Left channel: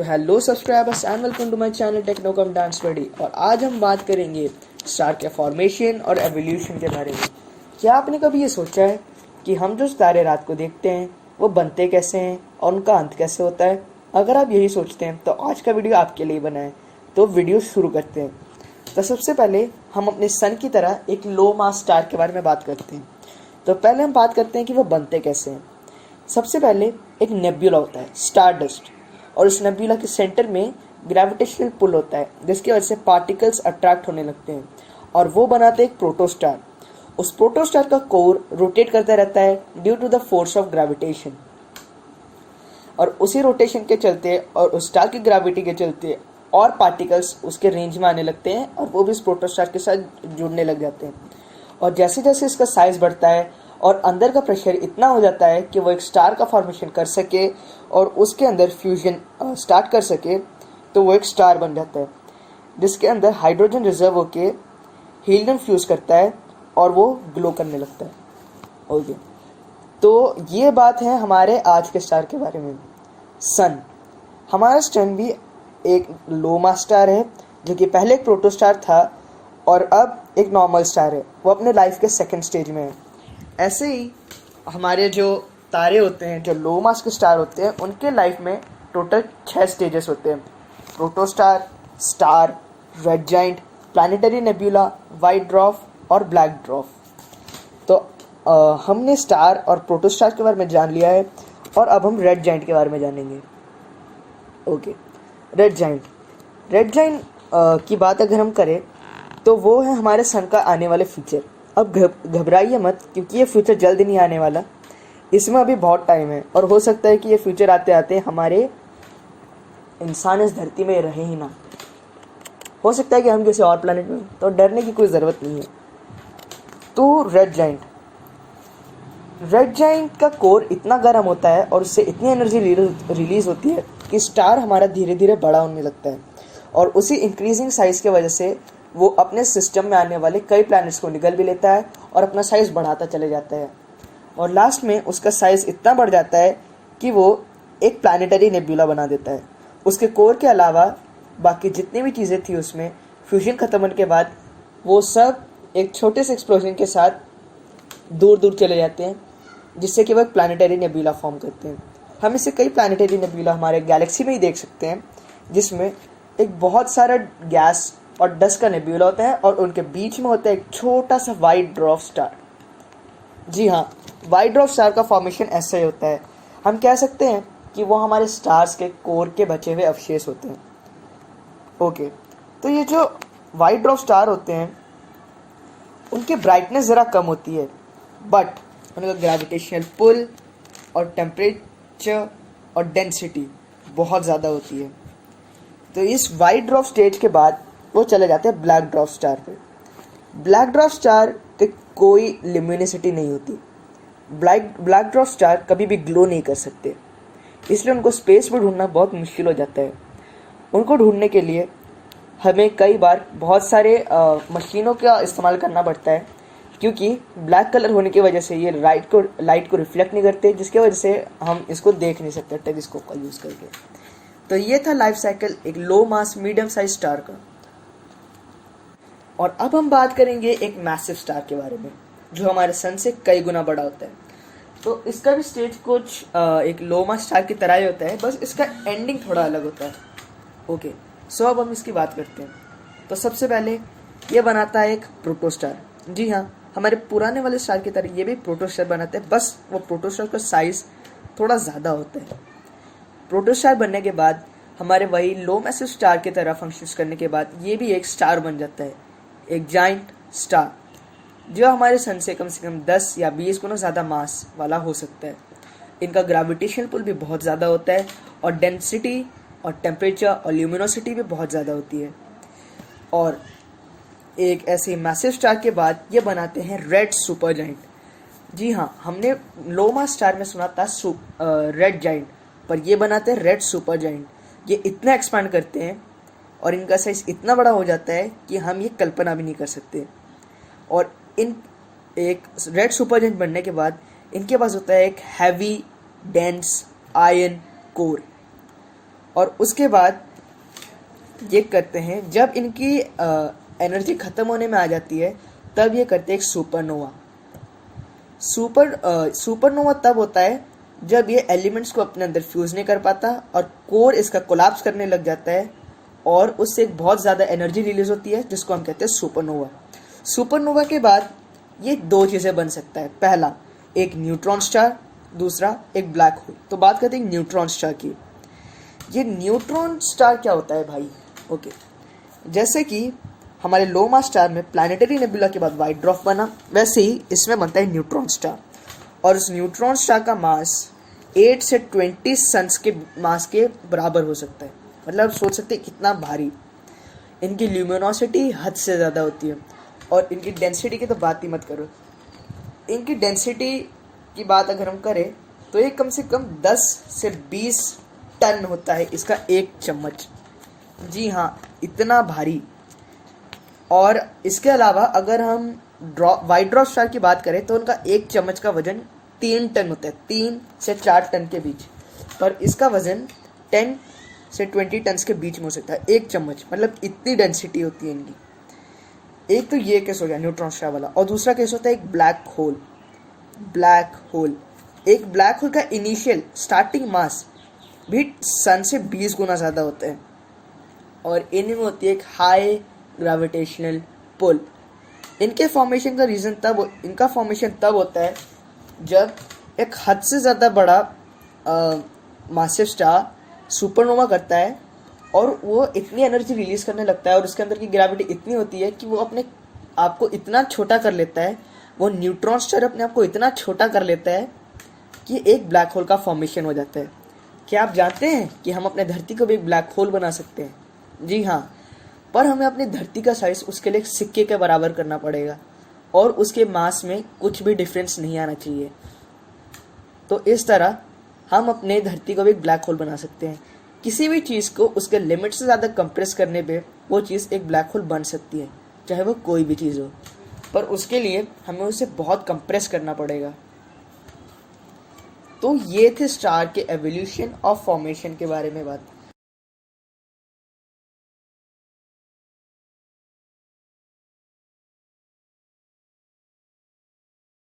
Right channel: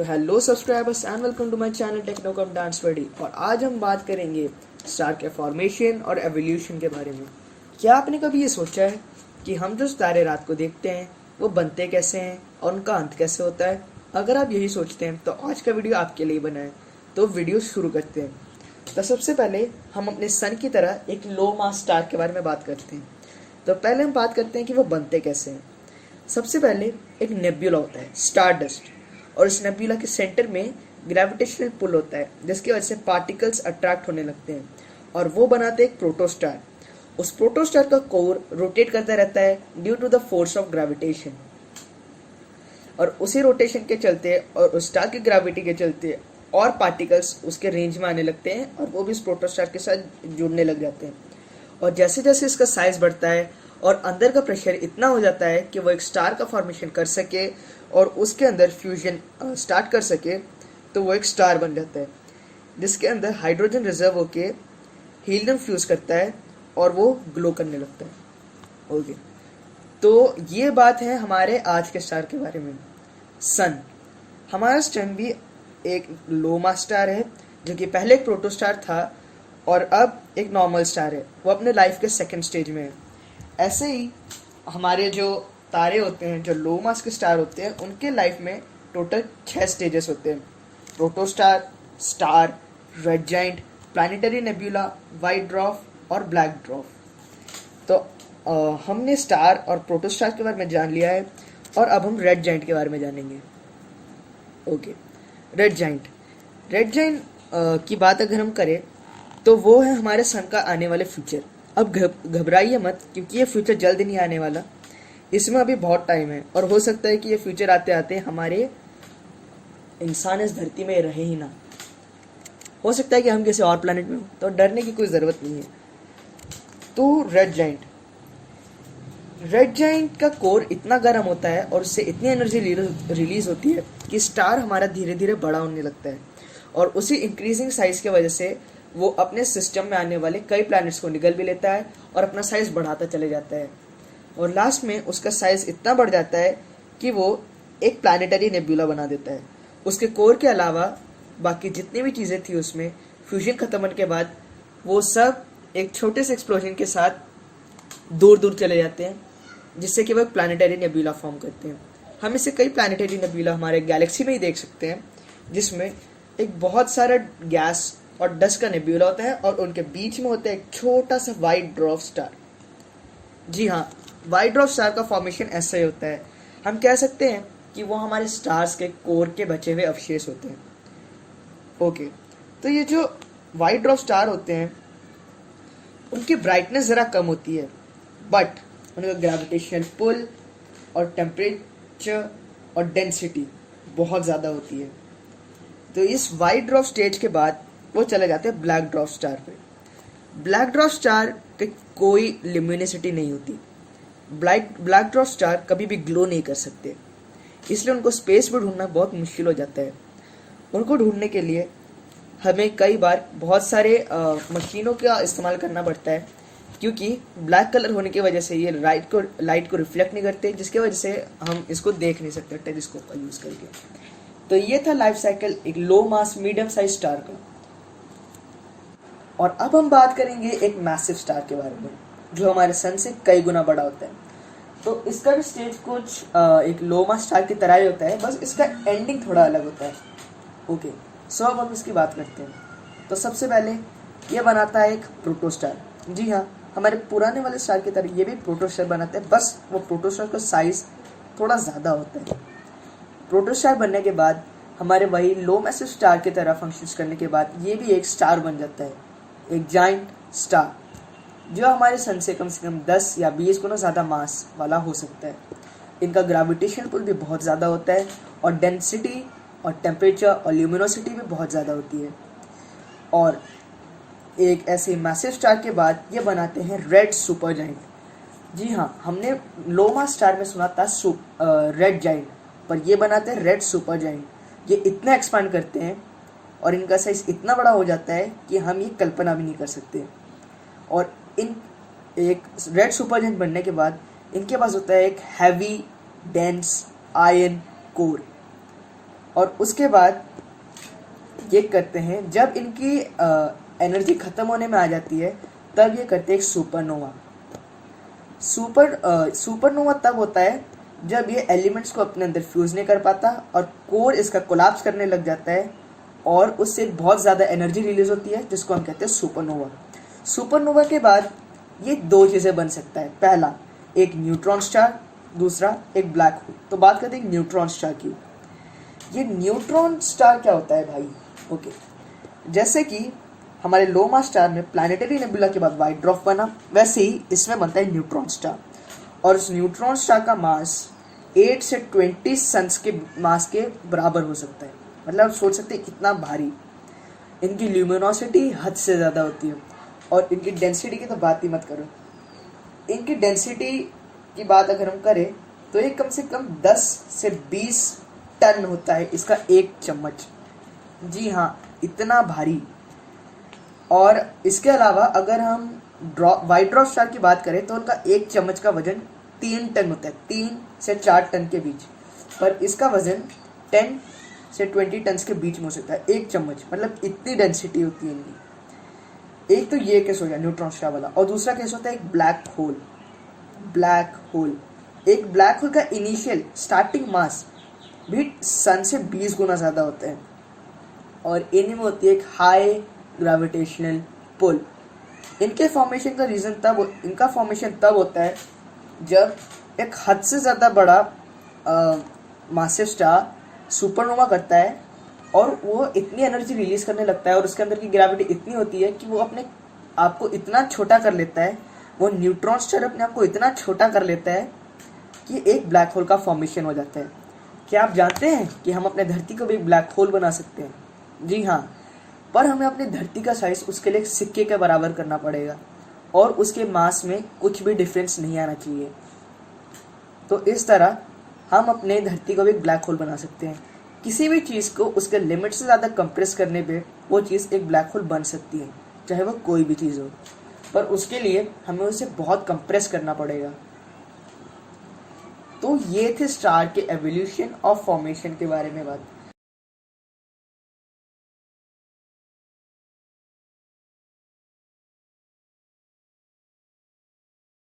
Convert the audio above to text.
तो hello subscribers and welcome to my channel technocom dance study. और आज हम बात करेंगे स्टार के फॉर्मेशन और एवोल्यूशन के बारे में। क्या आपने कभी ये सोचा है कि हम जो तारे रात को देखते हैं वो बनते कैसे हैं और उनका अंत कैसे होता है? अगर आप यही सोचते हैं तो आज का वीडियो आपके लिए बना है। तो वीडियो शुरू करते हैं। तो सबसे पहले हम अपने सन की तरह एक लो मास स्टार के बारे में बात करते हैं। तो पहले हम बात करते हैं कि वो बनते कैसे हैं। सबसे पहले एक नेब्यूला होता है, स्टार डस्ट, और इस नेब्यूला के सेंटर में ग्रेविटेशनल पुल होता है जिसकी वजह से पार्टिकल्स अट्रैक्ट होने लगते हैं और वो बनाते हैं एक प्रोटोस्टार। उस प्रोटोस्टार का कोर रोटेट करता रहता है due to the force of gravitation, और उसी रोटेशन के चलते और उस स्टार की ग्रेविटी के चलते और पार्टिकल्स उसके रेंज में आने लगते हैं और वो भी इस प्रोटोस्टार के साथ जुड़ने लग जाते हैं। और जैसे जैसे इसका साइज बढ़ता है और अंदर का प्रेशर इतना हो जाता है कि वो एक स्टार का फॉर्मेशन कर सके और उसके अंदर फ्यूजन स्टार्ट कर सके, तो वो एक स्टार बन जाता है जिसके अंदर हाइड्रोजन रिजर्व होके हीलियम फ्यूज करता है और वो ग्लो करने लगता है। ओके, तो ये बात है हमारे आज के स्टार के बारे में। सन, हमारा सन भी एक लो मास स्टार है जो कि पहले एक प्रोटोस्टार था और अब एक नॉर्मल स्टार है। वो अपने लाइफ के सेकंड स्टेज में है। ऐसे ही हमारे जो तारे होते हैं, जो लो मास के स्टार होते हैं, उनके लाइफ में टोटल 6 स्टेजेस होते हैं: protostar, star, red giant, planetary nebula, white dwarf और ब्लैक ड्वार्फ। तो हमने स्टार और प्रोटोस्टार के बारे में जान लिया है और अब हम रेड जाइंट के बारे में जानेंगे। Okay, red giant. Red giant की बात अगर हम करें तो वो है हमारे सन का आने वाले फ्यूचर। अब घबराइए मत, क्योंकि ये फ्यूचर जल्द नहीं आने वाला, इसमें अभी बहुत टाइम है और हो सकता है कि ये फ्यूचर आते आते हमारे इंसान इस धरती में रहे ही ना। हो सकता है कि हम किसी और प्लेनेट में, तो डरने की कोई ज़रूरत नहीं है। तो रेड जाइंट का कोर इतना गर्म होता है और उससे इतनी एनर्जी रिलीज होती है कि स्टार हमारा धीरे धीरे बड़ा होने लगता है, और उसी इंक्रीजिंग साइज़ की वजह से वो अपने सिस्टम में आने वाले कई प्लैनेट्स को निगल भी लेता है और अपना साइज़ बढ़ाता चले जाता है, और लास्ट में उसका साइज़ इतना बढ़ जाता है कि वो एक प्लानिटरी नेब्यूला बना देता है। उसके कोर के अलावा बाकी जितनी भी चीज़ें थी उसमें फ्यूजन ख़त्म होने के बाद वो सब एक छोटे से एक्सप्लोजन के साथ दूर दूर चले जाते हैं, जिससे कि वो एक प्लानिटरी नेब्यूला फॉर्म करते हैं। हम इसे कई प्लानिटरी नेब्यूला हमारे गैलेक्सी में ही देख सकते हैं, जिसमें एक बहुत सारा गैस और डस्ट का नेब्यूला होता है और उनके बीच में होता है एक छोटा सा वाइट ड्वार्फ स्टार। जी हाँ, वाइट ड्वार्फ स्टार का फॉर्मेशन ऐसा ही होता है। हम कह सकते हैं कि वो हमारे स्टार्स के कोर के बचे हुए अवशेष होते हैं। ओके, तो ये जो वाइट ड्वार्फ स्टार होते हैं उनकी ब्राइटनेस ज़रा कम होती है, बट उनका ग्रेविटेशनल पुल और टेम्परेचर और डेंसिटी बहुत ज़्यादा होती है। तो इस वाइट ड्वार्फ स्टेज के बाद वो चले जाते हैं ब्लैक ड्वार्फ स्टार पे। ब्लैक ड्वार्फ स्टार पे कोई ल्यूमिनोसिटी नहीं होती। ब्लैक ड्वार्फ स्टार कभी भी ग्लो नहीं कर सकते, इसलिए उनको स्पेस में ढूंढना बहुत मुश्किल हो जाता है। उनको ढूंढने के लिए हमें कई बार बहुत सारे मशीनों का इस्तेमाल करना पड़ता है, क्योंकि ब्लैक कलर होने की वजह से ये लाइट को रिफ्लेक्ट नहीं करते, जिसकी वजह से हम इसको देख नहीं सकते टेलीस्कोप का यूज़ करके। तो ये था लाइफ साइकिल एक लो मास मीडियम साइज स्टार का। और अब हम बात करेंगे एक मैसिव स्टार के बारे में जो हमारे सन से कई गुना बड़ा होता है। तो इसका भी स्टेज कुछ एक लो मास स्टार की तरह ही होता है, बस इसका एंडिंग थोड़ा अलग होता है। ओके, सो अब हम इसकी बात करते हैं। तो सबसे पहले ये बनाता है एक प्रोटोस्टार। जी हाँ, हमारे पुराने वाले स्टार की तरह ये भी प्रोटोस्टार बनाते हैं, बस वो प्रोटोस्टार का साइज़ थोड़ा ज़्यादा होता है। प्रोटोस्टार बनने के बाद हमारे वही लो मैसिव स्टार की तरह फंक्शंस करने के बाद ये भी एक स्टार बन जाता है, एक जाइंट स्टार, जो हमारे सन से कम 10 या 20 गुना ज़्यादा मास वाला हो सकता है। इनका ग्रेविटेशनल पुल भी बहुत ज़्यादा होता है और डेंसिटी और टेम्परेचर और ल्यूमिनोसिटी भी बहुत ज़्यादा होती है। और एक ऐसे मैसिव स्टार के बाद ये बनाते हैं रेड सुपर जाइंट। जी हाँ, हमने लो मास स्टार में सुना था रेड जाइंट, पर ये बनाते हैं रेड सुपर जाइंट। ये इतना एक्सपांड करते हैं और इनका साइज इतना बड़ा हो जाता है कि हम ये कल्पना भी नहीं कर सकते। और इन एक रेड सुपर जाइंट बनने के बाद इनके पास होता है एक हैवी डेंस आयरन कोर। और उसके बाद ये करते हैं, जब इनकी एनर्जी ख़त्म होने में आ जाती है तब ये करते हैं एक सुपरनोवा। सुपरनोवा तब होता है जब ये एलिमेंट्स को अपने अंदर फ्यूज़ नहीं कर पाता और कोर इसका कोलैप्स करने लग जाता है और उससे एक बहुत ज़्यादा एनर्जी रिलीज होती है जिसको हम कहते हैं सुपरनोवा। सुपरनोवा के बाद ये दो चीज़ें बन सकता है, पहला एक न्यूट्रॉन स्टार, दूसरा एक ब्लैक होल। तो बात करते हैं न्यूट्रॉन स्टार की। ये न्यूट्रॉन स्टार क्या होता है भाई? ओके, जैसे कि हमारे लो मास स्टार में प्लैनेटरी नेबुला के बाद वाइट ड्वार्फ बना, वैसे ही इसमें बनता है न्यूट्रॉन स्टार। और इस न्यूट्रॉन स्टार का मास 8 से 20 सन्स के मास के बराबर हो सकता है। मतलब आप सोच सकते हैं कितना भारी। इनकी ल्यूमिनोसिटी हद से ज़्यादा होती है और इनकी डेंसिटी की तो बात ही मत करो। इनकी डेंसिटी की बात अगर हम करें तो ये कम से कम 10 से 20 टन होता है इसका एक चम्मच। जी हाँ, इतना भारी। और इसके अलावा अगर हम वाइट ड्वार्फ स्टार की बात करें तो उनका एक चम्मच का वजन 3 टन होता है, 3 से 4 टन के बीच। पर इसका वजन 10 से 20 टन के बीच में हो सकता है एक चम्मच। मतलब इतनी डेंसिटी होती है इनकी। एक तो ये केस हो गया न्यूट्रॉन स्टार वाला। और दूसरा केस होता है एक ब्लैक होल। एक ब्लैक होल का इनिशियल स्टार्टिंग मास भी सन से 20 गुना ज़्यादा होता है और इनमें होती है एक हाई ग्रेविटेशनल पुल। इनका फॉर्मेशन तब होता है जब एक हद से ज़्यादा बड़ा मासिव स्टार सुपरनोवा करता है और वो इतनी एनर्जी रिलीज करने लगता है और उसके अंदर की ग्रेविटी इतनी होती है कि वो अपने आप को इतना छोटा कर लेता है, वो न्यूट्रॉन स्टार अपने आप को इतना छोटा कर लेता है कि एक ब्लैक होल का फॉर्मेशन हो जाता है। क्या आप जानते हैं कि हम अपने धरती को भी ब्लैक होल बना सकते हैं? जी हाँ, पर हमें अपनी धरती का साइज उसके लिए सिक्के के बराबर करना पड़ेगा और उसके मास में कुछ भी डिफरेंस नहीं आना चाहिए। तो इस तरह हम अपने धरती को भी ब्लैक होल बना सकते हैं। किसी भी चीज़ को उसके लिमिट से ज़्यादा कंप्रेस करने पे वो चीज़ एक ब्लैक होल बन सकती है, चाहे वो कोई भी चीज़ हो, पर उसके लिए हमें उसे बहुत कंप्रेस करना पड़ेगा। तो ये थे स्टार के एवोल्यूशन और फॉर्मेशन के बारे में बात।